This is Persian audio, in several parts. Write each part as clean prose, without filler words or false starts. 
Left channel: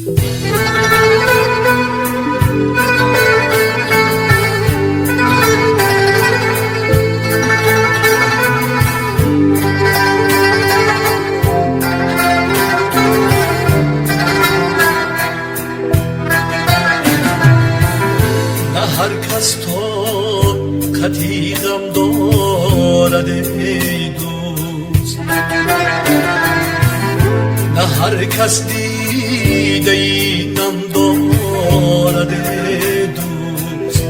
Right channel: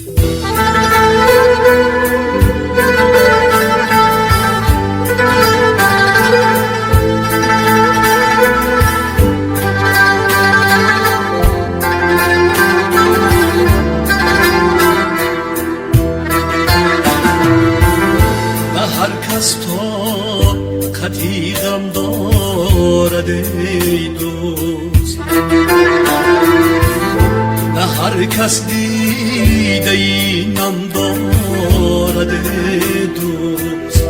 هر کس تو خطی غم دارد ای دوست، نه هر کس دیده ای نم دارد ای دوست.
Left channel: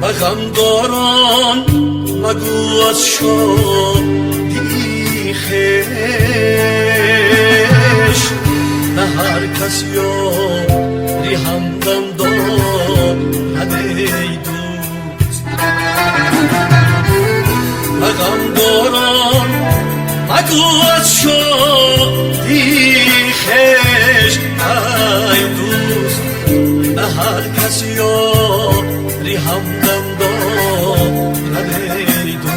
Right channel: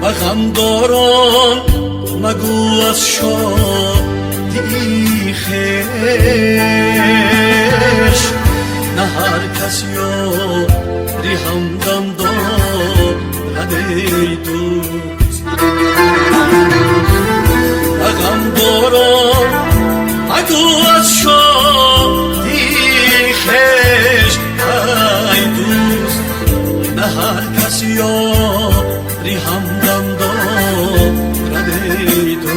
به غمداران مگو از شادی خویش، نه هر کس یاری همدم دارد ای دوست. غمداران مگو از شادی خویش ای دوست، نه هر کس یاری همدم دارد ای دوست.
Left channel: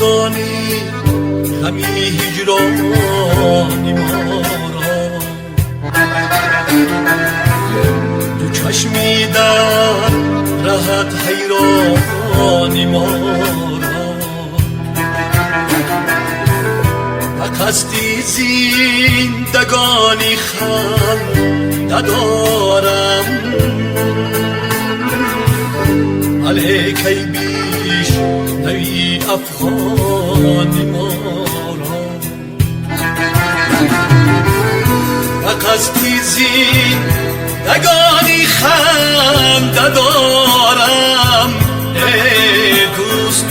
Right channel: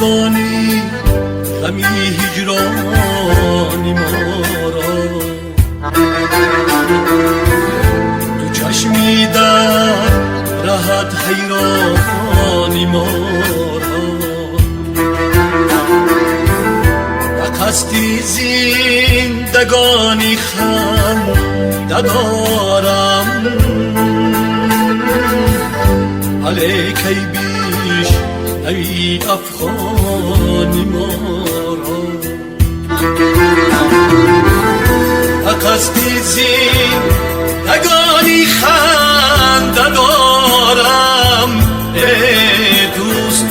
دانی غمی هجرانی ما را، دو چشمی در رهت حیرانی ما را. و قصدی زندگانی خنده دارم، علیک ای بیش نوی افغانی ما را. و قصدی زندگانی خنده دارم ای دوست،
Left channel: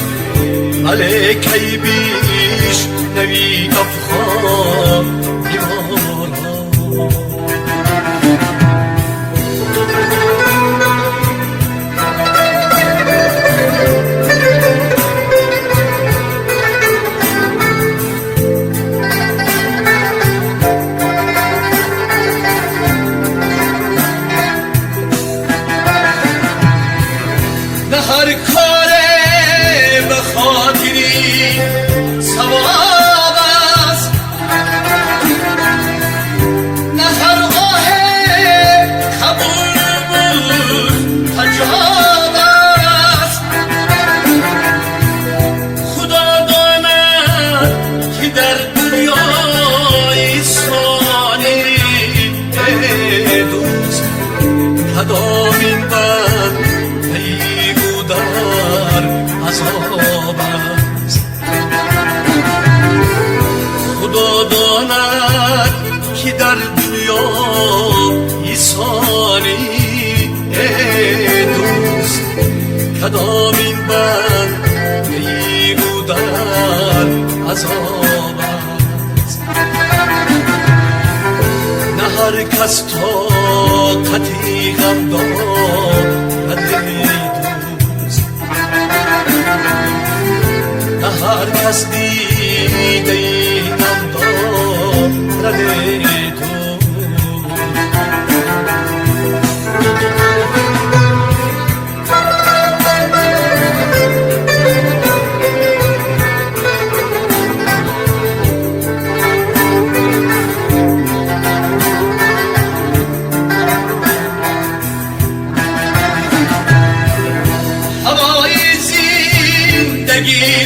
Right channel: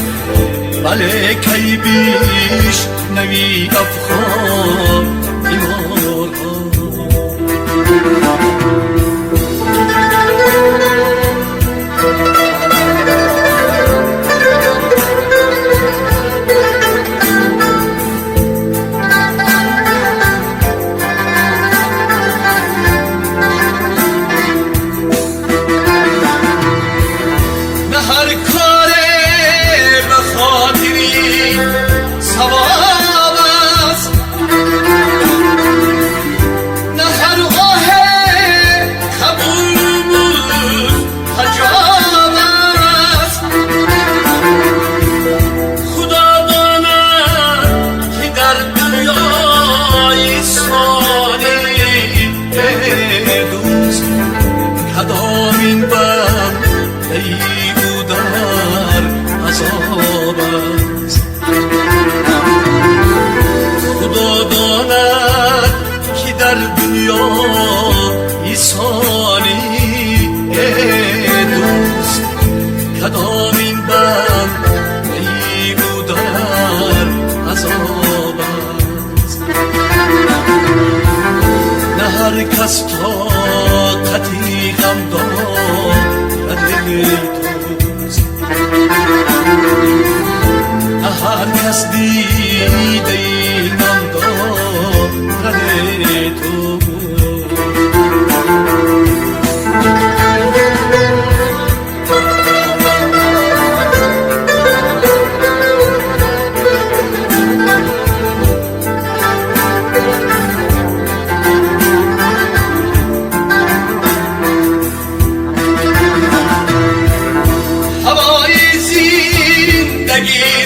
ملک ای بیش نوی افغانی ما را. هر کار به خاطری ثواب است، نه هر آه قبول حجاب است. خدا داند که در دنیای ثانی ای دوست، کدامین بند در عذاب است. خدا داند که در دنیا ایسانی ای دوست، کدامین بند او در عذاب است. نه هر کس طاقتی غم دارد ای دوست، نه هر کس دیده ای نم دارد ای دوست.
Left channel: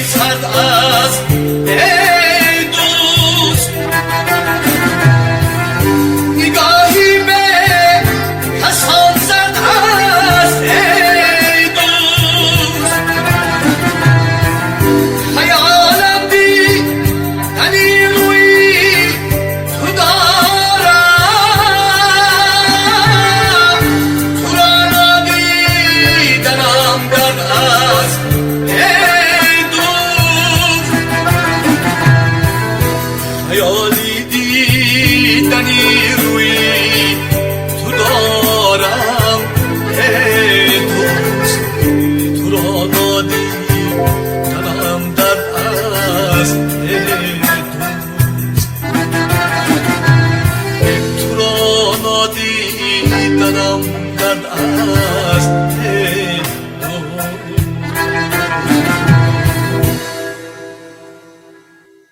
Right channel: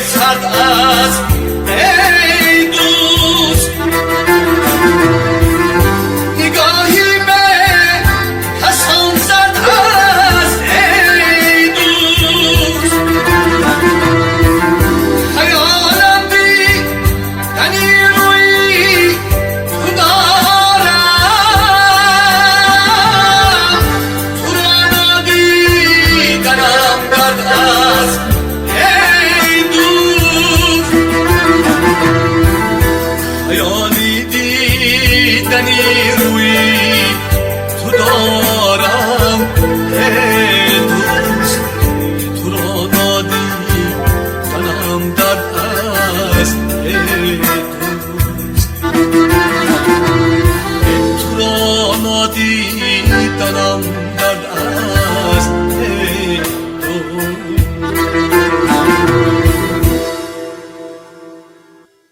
سرد است است ای دوست تو را نادیدنم در